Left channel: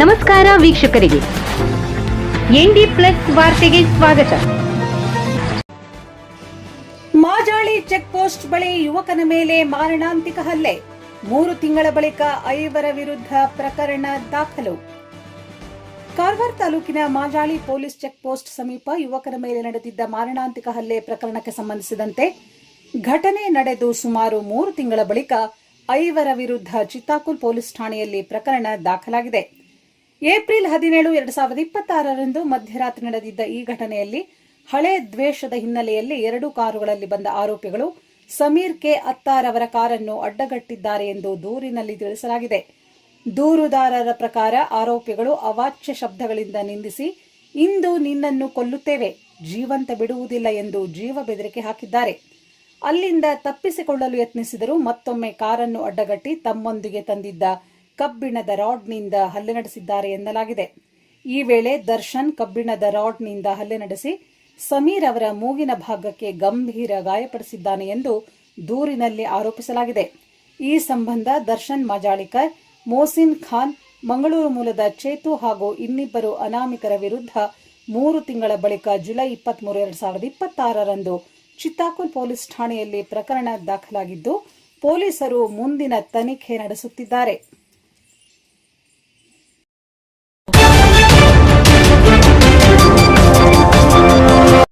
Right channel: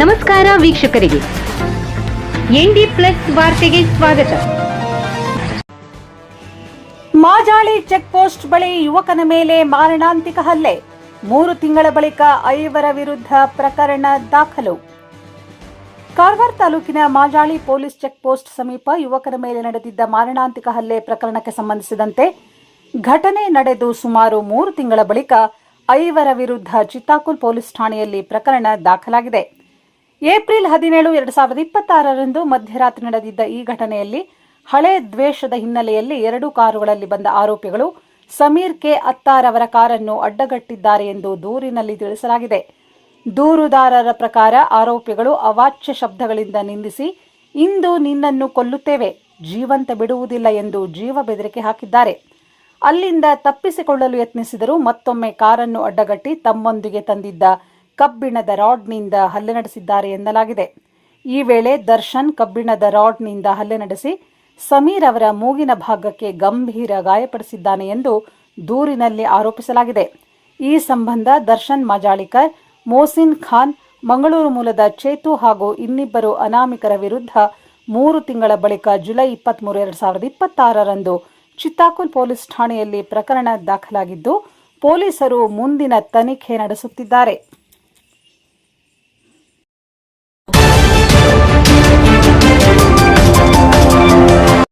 ನಮಸ್ಕಾರ ವೀಕ್ಷಕರಿಗೆ, ND plus ವಾರ್ತೆಗೆ ಸ್ವಾಗತ. ಮಾಜಾಳಿ ಚೆಕ್ ಪೋಸ್ಟ್ ಬಳಿ ಯುವಕನ ಮೇಲೆ ಮಾರಣಾಂತಿಕ ಹಲ್ಲೆ. 3 ತಿಂಗಳ ಬಳಿಕ 5 ವಿರುದ್ಧ ಪ್ರಕರಣ ದಾಖಲು. ಕಾರವಾರ ತಾಲೂಕಿನ ಮಾಜಾಳಿ ಪೊಲೀಸ್ ಚೆಕ್ ಪೋಸ್ಟ್ ಸಮೀಪ ಯುವಕನ ಮೇಲೆ ನಡೆದಿದ್ದ ಮಾರಣಾಂತಿಕ ಹಲ್ಲೆ ಪ್ರಕರಣಕ್ಕೆ ಸಂಬಂಧಿಸಿದಂತೆ ಘಟನೆ ನಡೆದು ಸುಮಾರು 3 ತಿಂಗಳ ಬಳಿಕ 5 ವಿರುದ್ಧ ಚಿತ್ತಾಕುಲ್ ಪೊಲೀಸ್ ಠಾಣೆಯಲ್ಲಿ ಪ್ರಕರಣ ದಾಖಲಾಗಿದೆ. ಏಪ್ರಿಲ್ 17, 2026ರಂದು ಮಧ್ಯರಾತ್ರಿ ನಡೆದಿದ್ದ ಈ ಘಟನೆಯಲ್ಲಿ ಹಳೆ ದ್ವೇಷದ ಹಿನ್ನೆಲೆಯಲ್ಲಿ 2 ಕಾರುಗಳಲ್ಲಿ ಬಂದ ಆರೋಪಿಗಳು ಸಮೀರ್ ಕೆ ಅತ್ತಾರ್ ಅವರ ಕಾರನ್ನು ಅಡ್ಡಗಟ್ಟಿದ್ದಾರೆ ಎಂದು ದೂರಿನಲ್ಲಿ ತಿಳಿಸಲಾಗಿದೆ. ದೂರುದಾರರ ಪ್ರಕಾರ ಆರೋಪಿಗಳು ಅವಾಚ್ಯ ಶಬ್ದಗಳಿಂದ ನಿಂದಿಸಿ, ಇಂದು ನಿನ್ನನ್ನು ಕೊಲ್ಲುತ್ತೇವೆ, ಜೀವಂತ ಬಿಡುವುದಿಲ್ಲ ಎಂದು ಜೀವ ಬೆದರಿಕೆ ಹಾಕಿದ್ದಾರೆ. ಅಲ್ಲಿಂದ ತಪ್ಪಿಸಿಕೊಳ್ಳಲು ಯತ್ನಿಸಿದರೂ ಮತ್ತೊಮ್ಮೆ ಕಾರನ್ನು ಅಡ್ಡಗಟ್ಟಿ ತಮ್ಮೊಂದಿಗೆ ತಂದಿದ್ದ ಕಬ್ಬಿಣದ ರಾಡ್ನಿಂದ ಹಲ್ಲೆ ನಡೆಸಿದ್ದಾರೆ ಎನ್ನಲಾಗಿದೆ. ಈ ವೇಳೆ ದರ್ಶನ್ ಕಬ್ಬಿಣದ ರಾಡ್ನಿಂದ ಹಲ್ಲೆ ನಡೆಸಿ ಸಮೀರ್ ಅವರ ಮೂಗಿನ ಭಾಗಕ್ಕೆ ಗಂಭೀರ ಗಾಯಪಡಿಸಿದ್ದಾನೆ ಎಂದು ದೂರಿನಲ್ಲಿ ಆರೋಪಿಸಲಾಗಿದೆ. ಈ ಸಂಬಂಧ ದರ್ಶನ್ ಮಾಜಾಳಿಕರ್, ಮೋಸಿನ್ ಖಾನ್, ಮಂಗಳೂರು ಮೂಲದ ಚೇತು ಹಾಗೂ ಇನ್ನಿಬ್ಬರು ಅನಾಮಿಕರ ವಿರುದ್ಧ 3 ತಿಂಗಳ ಬಳಿಕ ಜುಲೈ 23, 2026ರಂದು ಚಿತ್ತಾಕುಲ್ ಪೊಲೀಸ್ ಠಾಣೆಯಲ್ಲಿ ಪ್ರಕರಣ ದಾಖಲಾಗಿದ್ದು, ಪೊಲೀಸರು ಮುಂದಿನ ತನಿಖೆ ನಡೆಸುತ್ತಿದ್ದಾರೆ.